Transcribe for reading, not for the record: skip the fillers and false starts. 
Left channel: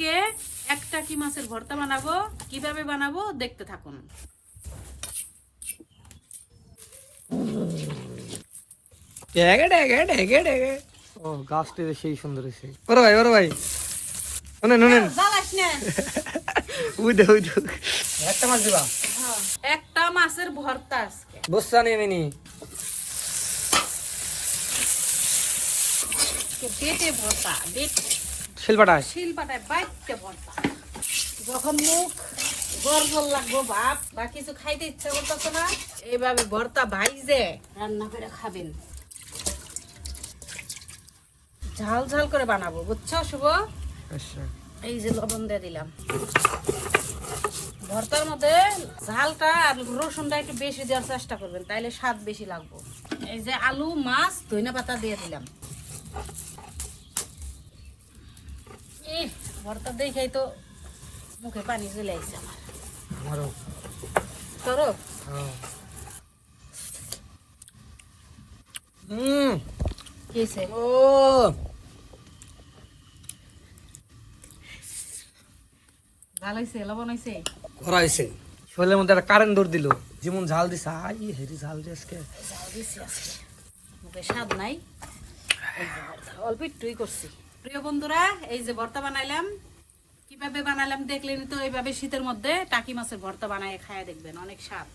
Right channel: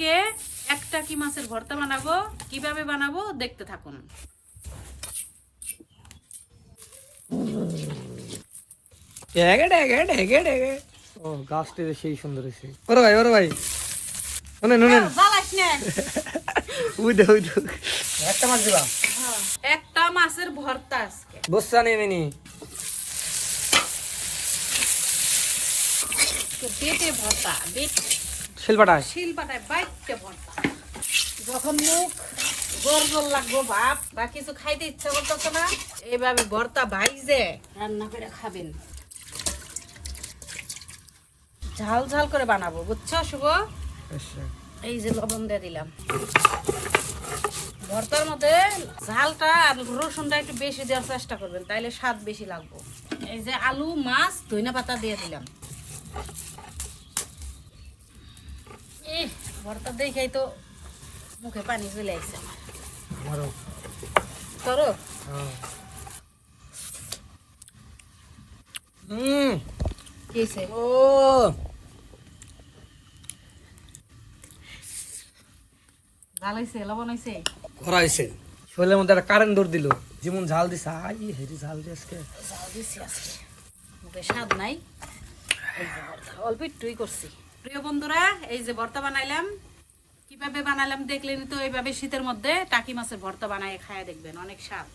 আজকে একটা কি মাছের ভর্তা বানাবো, কিভাবে বানাবো দেখতে থাকুন। ও গাছটি সেই সুন্দর হয়েছে। ওরে ভাই শুনেন একটা মাছ দিবা, একটা মাছের ভর্তা আজকে। বসা নেই মেনি তো বেটে ভর্তা, শিলপাটায় শিলপাটায় বাইটে ভর্তা। যখন মুখ গরগর লাগবো ভাত বা কিছু খাইতে ইচ্ছা করতেছে না, এইভাবে ভর্তা ভাইজে রান্না করে খাবেন। ঝাল ঝাল করে বানাবো, বুঝছো শুভ? এই যে লবণ দিয়ে দিলাম। ভর্তার মধ্যে ঝালটা আর রসুনটা একটু বেশি দেওয়ার চেষ্টা করবেন, তাইলে স্বাদ বেশি লাগবে। এই যে আলু, মাছ, ধনিয়া পাতা দিয়ে দিলাম। ভর্তা দেখেই তো মুখে পানি চলে আসছে আমার। করো কিছে? ও ভালো হয়েছে, লবণ হয়েছে? করা হয়েছে। শরীরের মধ্যে একটা কারেন্ট দৌড় দিল, যেমন ঝাল দিছে। আই হেরি ঝাল দিয়ে আজকে জাল দিছি আজকে, মুখে স্বাদ নাই। এই যে ভর্তা অল্প একটুই করছি। প্রিয় বন্ধুরা, এই যে ভর্তা বানাইলাম, কিভাবে বানালাম দেখলেন তো। এইভাবে শীতের মধ্যে টাকি মাছের ভর্তা বানায় খায় দেখবেন, অনেক স্বাদ।